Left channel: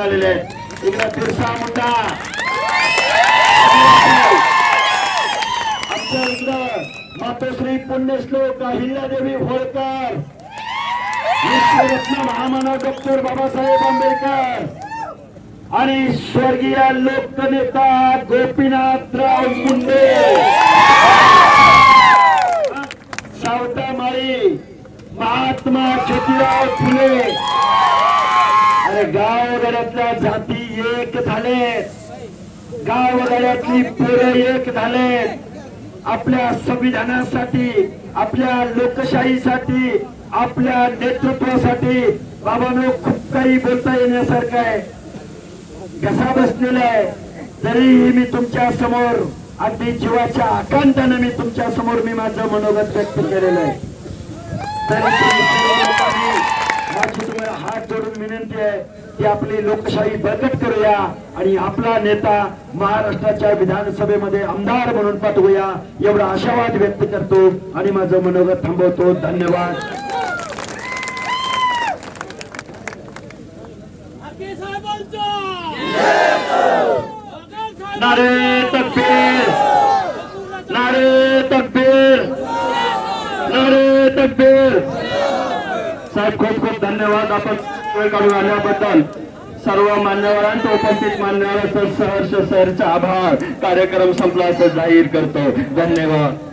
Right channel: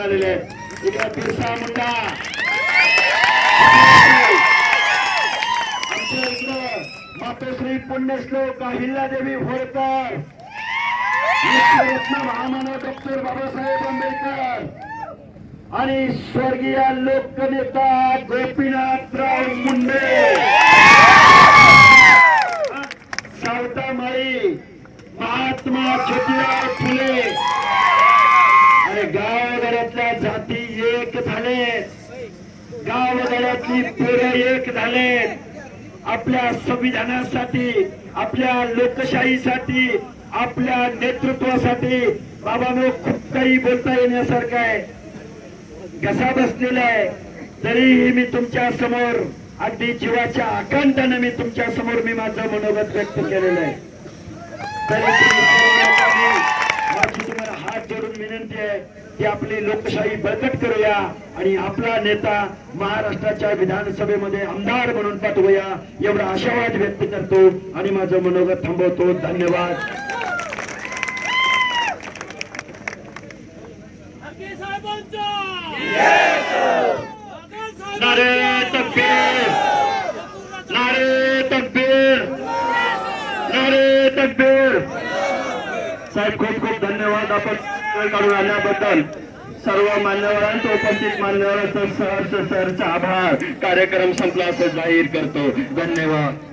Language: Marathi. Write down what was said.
आलेले आहेत. इकडे बिरसा मुंडा आमच्या इकडं मातोश्री पुण्यश्लोक अहिल्यादेवी होळकर. विश्वरत्न महामानव डॉक्टर बाबासाहेब आंबेडकर. आणि स्वर्गीय लोकनेता गोपीनाथराव मुंडे. सावतामाई महात्मा ज्योतिराव फुले. अरे गावगड्यातल्या जाती एक झालेत. गावगड्यातली पेरं एक झालेत. आपल्या संविधानासाठी आपल्या लोकशाहीसाठी आपल्या नेतृत्वासाठी बाबांनो खूप काही बोलता येण्यासारखं आहे. कसा बसलेला आहे. तरीही मी तुमच्यासमोर अगदी जीवाच्या आकांतानं मी तुमच्यासमोर मी माझं मनोगत व्यक्त केलेलं आहे. विनंती आहे की आपली लोकशाही बळकट करूया आणि आपला नेता महाराष्ट्राच्या विधानसभेमध्ये आमदार म्हणून पाठवूया एवढा आशावाद व्यक्त करतो आणि माझं मनोगत थांबवतो. धन्यवाद. नारे तकबीर! नारे तकबीर! नारे तकबीर! साहेब खूप खूप धन्यवाद. आपण वेळ काढून आल्याबद्दल सर्व मान्यवरांचं उपस्थित मान्यवरांचं सहर्ष सरचा आभार. कार्यक्रम संपला असं जाहीर करतो. धन्यवाद.